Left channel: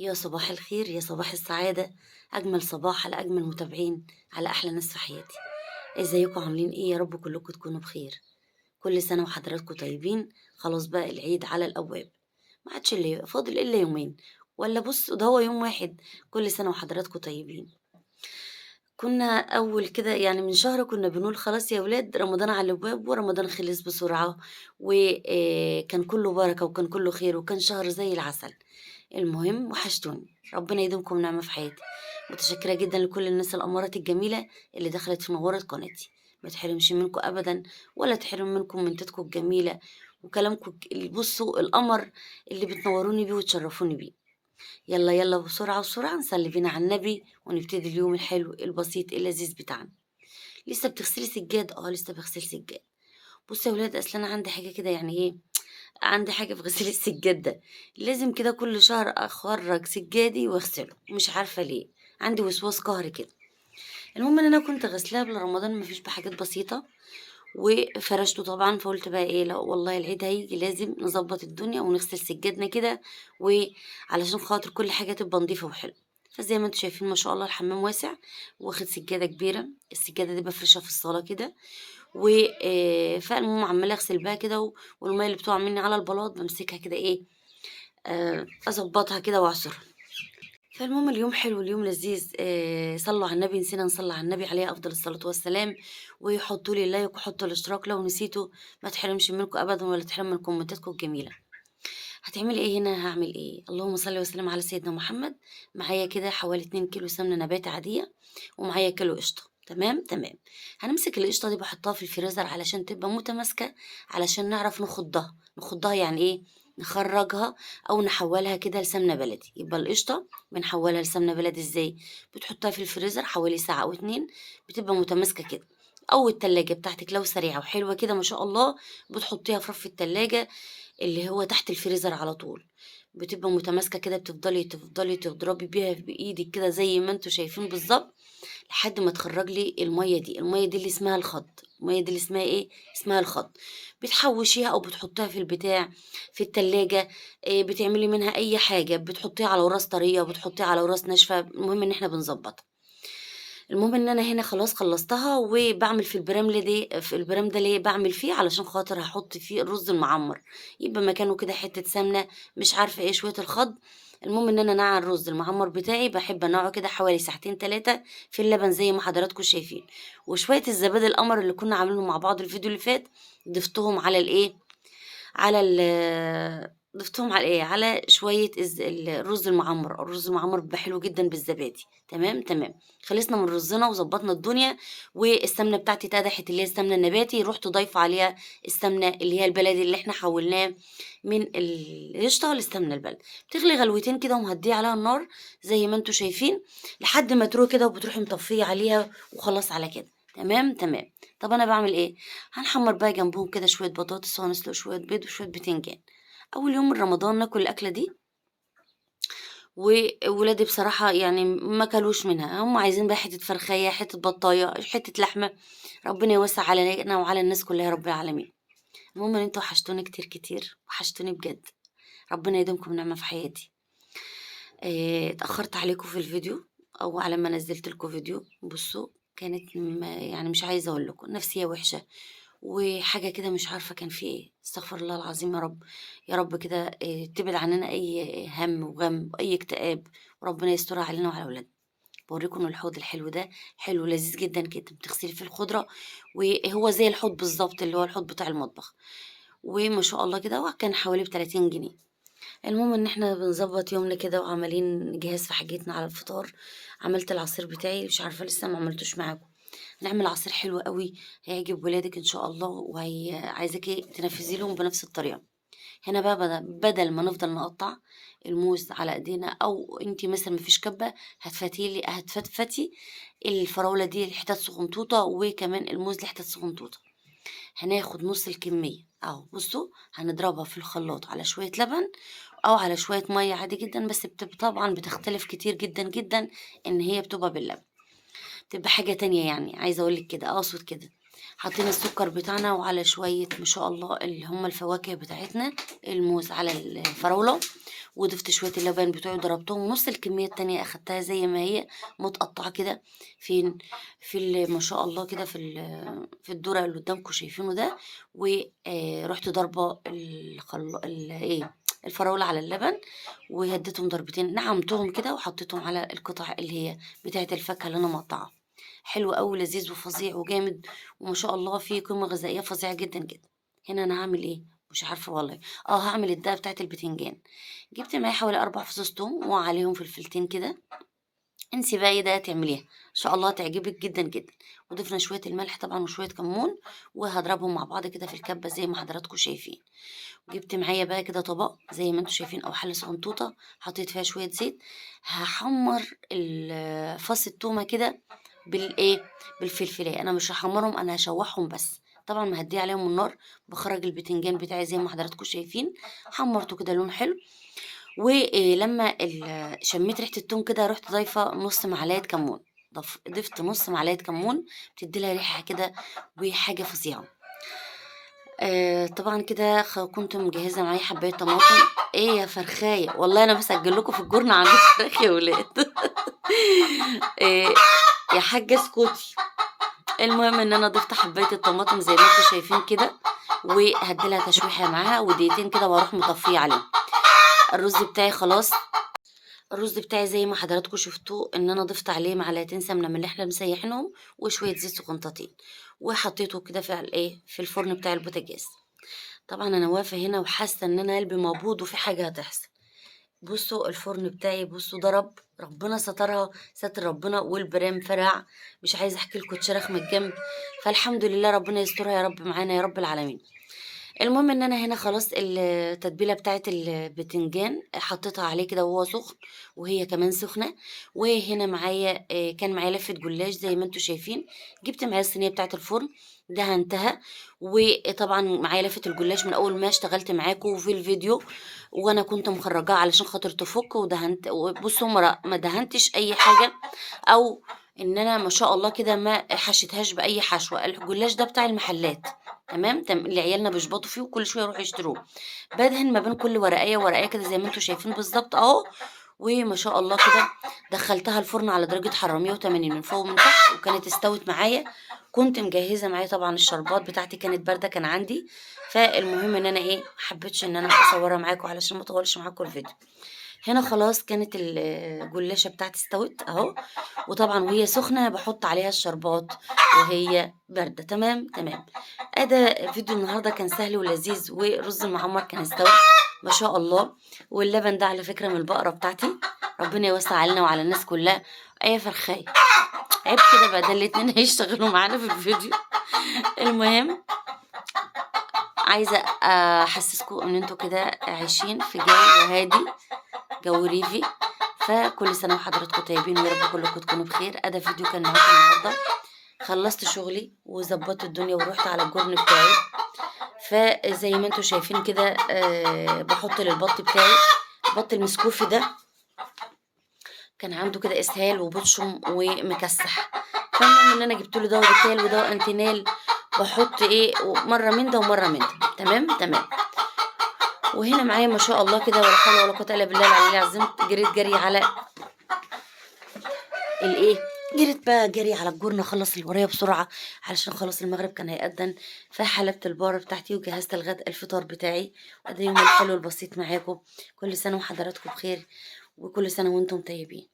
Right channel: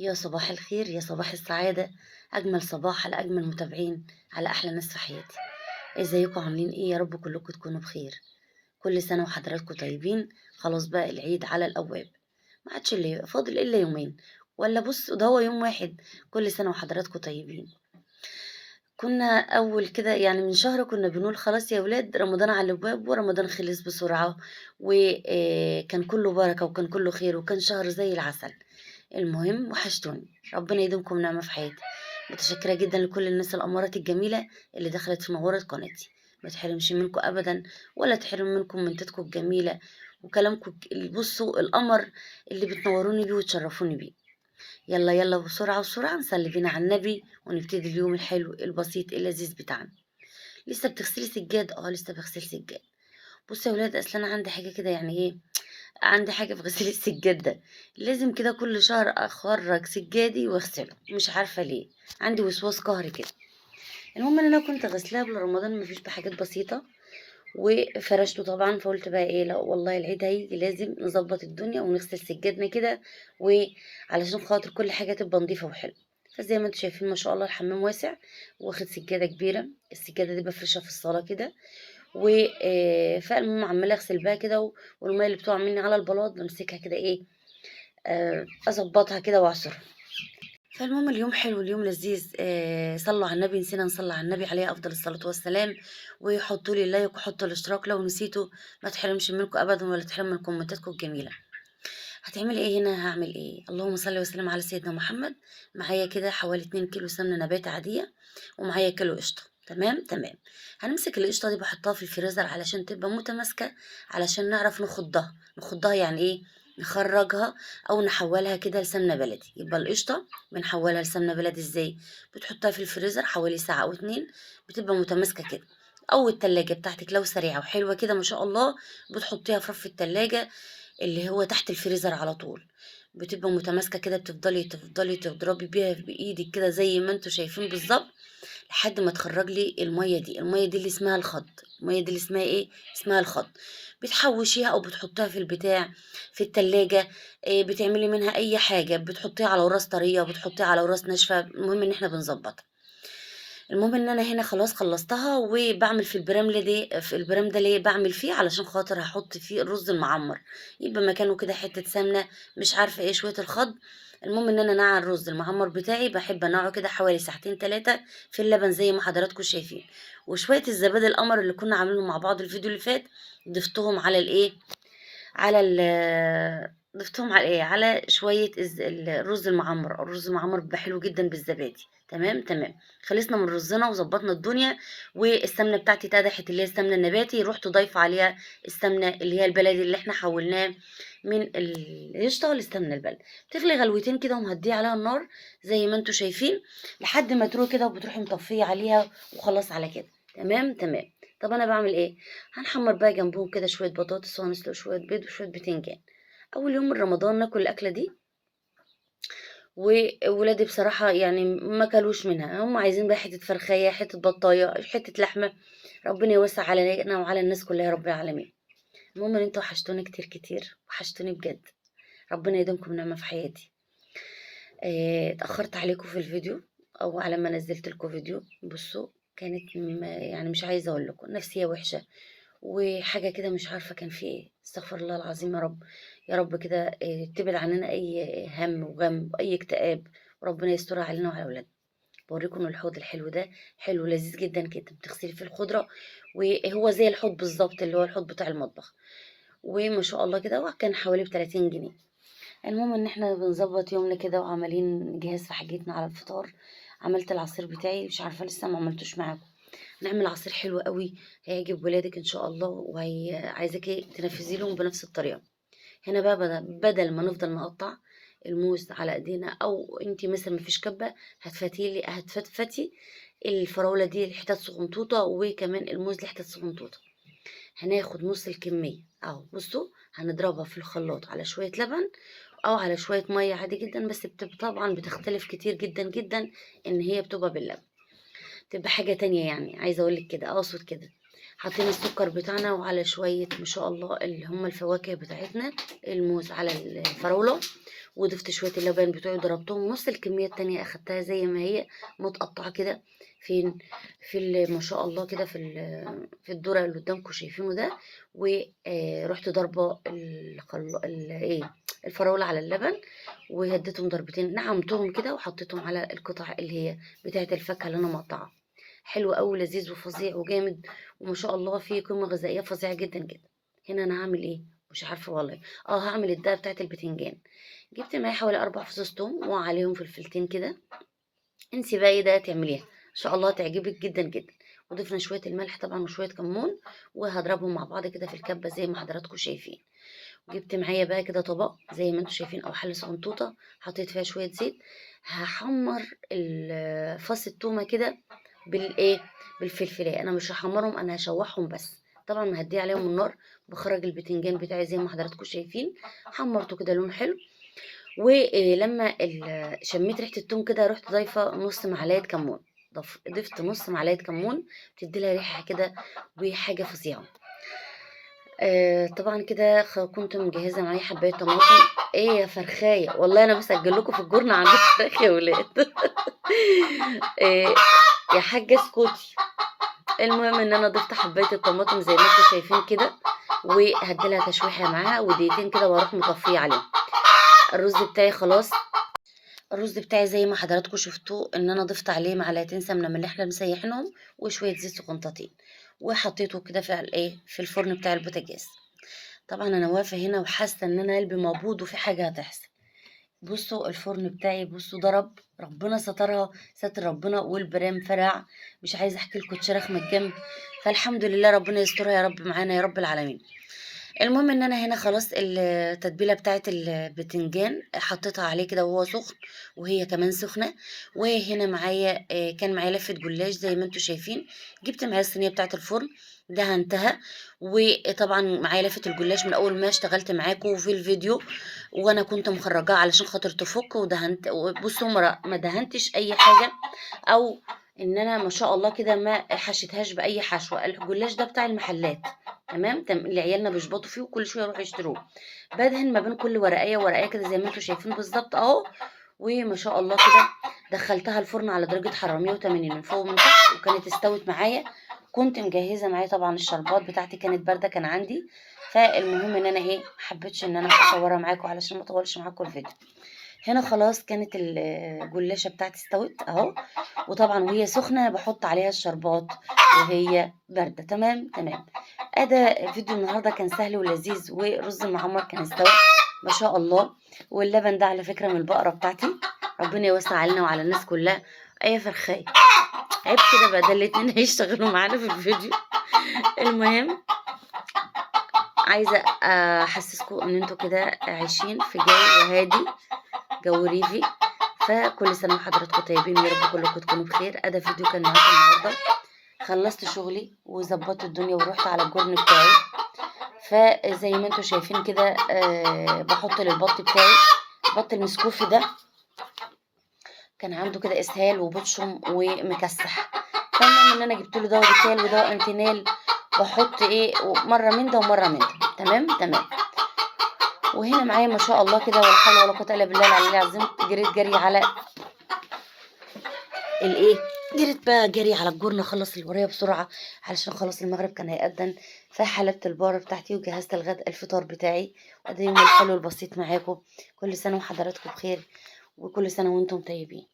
يا صباح الخير، يا صباح السعادة، أجمل صباح على أجمل متابعين، على أحلى ناس في حياتي. ازيكم عاملين ايه؟ يا رب كلكم تكونوا بخير. كل سنة وحضراتكم طيبين. خلاص بقى العيد على الأبواب، ما عادش اللي فاضل إلا يومين، ولا بص ده هو يوم واحد. كل سنة وحضراتكم طيبين. كنا أول كده يعني من شهر كنا بنقول خلاص يا ولاد رمضان على الأبواب، ورمضان خلص بسرعة، وكان كله بركة وكان كله خير وكان شهر زي العسل. المهم وحشتوني، ربنا يديمكم نعمة في حياتي. متشكرة جدا لكل الناس الأمارات الجميلة اللي دخلت في نورت قناتي. ما تحرمش منكم أبدا، ولا تحرم منكم منتاتكم الجميلة وكلامكم بصوا القمر اللي بتنوروني بيه وتشرفوني بيه. يلا يلا بسرعة بسرعة نصلي بينا على النبي ونبتدي اليوم الحلو البسيط اللذيذ بتاعنا. لسه بتغسلي سجاد؟ اه لسه بغسل سجاد. بصوا يا ولاد، اصل انا عندي حاجة كده يعني ايه، عندي حاجة في غسيل السجاد ده. لازم كده كل شهر اخرج سجادي واغسله، مش عارفة ليه. عندي وسواس قهري كده. المهم ان انا كنت غسلها قبل رمضان، مفيش بحاجات بسيطة، وفرشته طبعا. فقلت بقى ايه، لا والله العيد هيجي لازم نظبط الدنيا ونغسل سجادنا كده، وعلشان خاطر كل حاجة تبقى نظيفة وحلوة. فزي ما انتم شايفين ما شاء الله الحمام واسع، واخد سجادة كبيرة. السجادة دي بفرشها في الصالة كده، و فالمهم عمالة اغسل بقى كده، والمية اللي بتقع مني على البلاط بمسكها كده ايه، اظبطها كده واعصرها. فالمهم اليوم حلو، اليوم لذيذ. صلوا على النبي، نسينا نصلي على النبي عليه افضل الصلاه والسلام. وحطوا لي اللايك وحطوا الاشتراك لو نسيتوا. ما تحرمش منكم ابدا، ولا تحرم من كومنتاتكم الجميله. هتعملي ايه هنا؟ هعمل ايه؟ اللهم صل وسلم على سيدنا محمد. معايا كده حوالي 2 كيلو سمنه نباتي عاديه، ومعايا كيلو قشطه. تمام تمام. هنمسك القشطه دي بحطها في الفريزر علشان تبقى متماسكه، علشان نعرف نخضها يعني ايه، نخرجها او نحولها كده لسمنه بلدي. يبقى القشطه بنحولها لسمنه بلدي ازاي؟ بتحطها في الفريزر حوالي ساعه او اتنين، بتبقى متماسكه كده. او التلاجة بتاعتك لو سريعه وحلوه كده ما شاء الله، بتحطيها في رف التلاجة اللي هو تحت الفريزر على طول. بتبقى متماسكة كده، تفضلي تضربي بيها بإيدك كده زي ما انتوا شايفين بالظبط، لحد ما تخرج لي المية دي اللي اسمها الخض. المية دي اللي اسمها ايه؟ اسمها الخض. بتحوشيها او بتحطها في البتاع، في التلاجة. إيه، بتعملي منها اي حاجة، بتحطيها على وراس طرية، بتحطيها على وراس ناشفة. المهم ان احنا بنظبطها. المهم ان انا هنا خلاص خلصتها، وبعمل في البرامل دي، في البرام ده ليه بعمل فيه؟ علشان خاطر هحط فيه الرز المعمر، يبقى مكانه كده حتة سمنة، مش عارفة ايه، شوية الخض. المهم ان انا نقع الرز المعمر بتاعي، بحب انقعه كده حوالي ساعتين تلاتة في اللبن زي ما حضراتكم شايفين. وشوية الزبادي القمر اللي كنا عاملينهم مع بعض الفيديو اللي فات، ضفتهم على الايه، على ضفتهم على ايه، على شوية الرز المعمر. الرز المعمر بيبقى حلو جدا بالزبادي. تمام تمام. خلصنا من رزنا وظبطنا الدنيا، والسمنة بتاعتي اتقدحت اللي هي السمنة النباتي، رحت ضايفة عليها السمنة اللي هي البلدي اللي احنا حولناه من القشطة للسمنة البلدي. بتغلي غلوتين كده ومهديه عليها النار زي ما انتوا شايفين، لحد ما تروح كده، وبتروحي مطفية عليها وخلاص على كده. تمام تمام. طب انا بعمل ايه؟ هنحمر بقى جنبهم كده شوية بطاطس، وهنسلق شوية بيض وشوية بتنجان. أول يوم من رمضان ناكل الأكلة دي، وولادي بصراحة يعني ما كلوش منها. هم عايزين بقى حتة فرخية، حتة بطاية، حتة لحمة. ربنا يوسع علينا وعلى الناس كلها يا رب العالمين. المهم ان انتوا وحشتوني كتير كتير، وحشتوني بجد. ربنا يديمكم نعمة في حياتي. اتأخرت عليكم في الفيديو، او على ما نزلت لكم فيديو. بصوا، كانت يعني مش عايزة اقول لكم نفسية وحشة، وحاجة كده مش عارفة كان في ايه. استغفر الله العظيم يا رب. يا رب كده تبعد عننا اي هم وغم واي اكتئاب، وربنا يسترها علينا وعلى اولادنا. بوريكم الحوض الحلو ده، حلو لذيذ جدا كده، بتغسلي فيه الخضرة، وهو زي الحوض بالظبط اللي هو الحوض بتاع المطبخ. وما شاء الله كده، وكان حوالي ب30 جنيه. المهم ان احنا بنظبط يومنا كده، وعمالين نجهز في حاجتنا على الفطار. عملت العصير بتاعي، مش عارفة لسه ما عملتوش معاكم. نعمل عصير حلو قوي، هيعجب ولادك ان شاء الله، وهي عايزاكي تنفذي لهم بنفس الطريقه. هنا بقى بدل ما نفضل نقطع الموز على ايدينا، او انتي مثلا مفيش كبه، هتفتفتي الفراوله دي لحتت صغنطوطه، وكمان الموز لحتت صغنطوطه. هناخد نص الكميه اهو، بصوا، هنضربها في الخلاط على شويه لبن، او على شويه ميه عادي جدا، بس طبعا بتختلف كتير جدا جدا ان هي بتبقى باللبن، تبقى حاجة تانية يعني. عايزة اقولك كده، اقصد كده. حطينا السكر بتاعنا وعلى شوية ما شاء الله اللي هم الفواكه بتاعتنا، الموز على الفراولة، وضفت شوية اللبن بتوعي ضربتهم نص الكمية التانية أخدتها زي ما هي متقطعة كده. فين؟ في ما شاء الله كده في الدرع اللي قدامكم شايفينه ده. ورحت ضربة ايه الفراولة على اللبن، وهديتهم ضربتين نعمتهم كده وحطيتهم على القطع اللي هي بتاعة الفاكهة اللي أنا مقطعة. حلو أوي لذيذ وفظيع وجامد، وما شاء الله فيه قيمة غذائية فظيعة جدا جدا. هنا أنا هعمل ايه؟ مش عارفة والله. هعمل الدقة بتاعة البتنجان. جبت معايا حوالي 4 فصوص توم وعليهم فلفلتين كده. انسي بقى ايه ده تعمليها ان شاء الله تعجبك جدا جدا. وضفنا شويه الملح طبعا وشويه كمون، وهضربهم مع بعض كده في الكبه زي ما حضراتكم شايفين. جبت معايا بقى كده طبق زي ما انتم شايفين او حله صغنطوطه، حطيت فيها شويه زيت. هحمر فص التومه كده بالايه بالفلفلايه. انا مش هحمرهم، انا هشوحهم بس. طبعا مهديه عليهم النار. بخرج البتنجان بتاعي زي ما حضراتكم شايفين، حمرته كده لون حلو. ولما شميت ريحة التوم كده رحت ضايفة نص معلقة كمون. ضفت نص معلقة كمون، بتدي لها ريحة كده وحاجة فظيعة. طبعا كده كنت مجهزة معايا حباية طماطم. ايه يا فرخاية، والله انا بسجل لكم في الجورنة عند الفراخ يا ولاد. إيه يا حاجة اسكتي. المهم ان انا ضفت حباية الطماطم زي ما انتم شايفين كده، وهديلها تشويحة معاها ودقيقتين كده واروح مطفية عليهم. الرز بتاعي خلاص. الرز بتاعي زي ما حضراتكم شفتوه ان انا ضفت عليه معلقتين سمنه من اللي احنا مسيحينهم وشويه زيت سقنطتين، وحطيته كده في الفرن بتاع البوتاجاز. طبعا انا واقفه هنا وحاسه ان انا قلبي مقبوض وفي حاجه هتحصل. بصوا الفرن بتاعي، بصوا ضرب، ربنا سترها ستر ربنا، والبرام فرع. مش عايزه احكي لكم اتشرخ من الجنب. فالحمد لله ربنا يسترها يا رب معانا يا رب العالمين. المهم ان انا هنا خلاص التتبيله بتاعه البتنجان حطيتها عليه كده وهو سخن، وهي كمان سخنه. وهنا معايا كان معايا لفه جلاش زي ما انتم شايفين. جبت معايا الصينيه بتاعه الفرن دهنتها. وطبعا معايا لفه الجلاش من اول ما اشتغلت معاكم في الفيديو، وانا كنت مخرجاها علشان خاطر تفك ودهنت. بصوا ما دهنتش اي حاجه، او ان انا ما شاء الله كده ما حشيتهاش باي حشوه. الجلاش ده بتاع المحلات، تمام اللي عيالنا بيشبطوا فيه وكل شويه يروحوا يشتروه. بدهن ما بين كل ورقيه ورقيه كده زي ما انتم شايفين بالظبط اهو. وما شاء الله كده دخلتها الفرن على درجه حراره 180 من فوق ومن تحت، وكانت استوت معايا. كنت مجهزه معايا طبعا الشربات بتاعتي كانت بارده كان عندي. فالمهم ان انا ايه محبتش ان انا اصورها معاكم علشان ما اطولش معاكم الفيديو. هنا خلاص كانت الجلاشة بتاعتي استوت اهو. وطبعا وهي سخنة بحط عليها الشربات وهي باردة. تمام تمام. ادى فيديو النهاردة كان سهل ولذيذ، ورز المعمر كان استوى ما شاء الله. واللبن ده على فكرة من البقرة بتاعتي. ربنا يوسع علينا وعلى الناس كلها. اي فرخاية عيب كده بقى، ده الاتنين هيشتغلوا معانا في الفيديو. المهم عايزة احسسكم ان انتوا كده عايشين في جو هادي، جو ريفي. فكل سنة وحضراتكم طيبين ويا رب كلكم تكونوا بخير. أدا فيديو كان معاكم النهاردة. خلصت شغلي وظبطت الدنيا ورحت على الجرن بتاعي. فزي ما انتوا شايفين كده بحط للبط بتاعي. البط المسكوفي ده كان عنده كده اسهال وبطشم ومكسح. فالمهم ان انا جبت له دواء بتال ودواء انتينال. بحط ايه مره من ده ومره من ده. تمام تمام. وهنا معايا ما شاء الله كده ولا حول ولا قوه الا بالله العلي العظيم. جريت جري على الايه جريت بقى جري على الجورنة اخلص اللي ورايا بسرعة علشان خلاص المغرب كان هيأذن. فحلبت البارة بتاعتي وجهزت الفطار بتاعي. وده يوم الحلو البسيط معاكم. كل سنة وحضراتكم بخير، وكل سنة وانتم طيبين.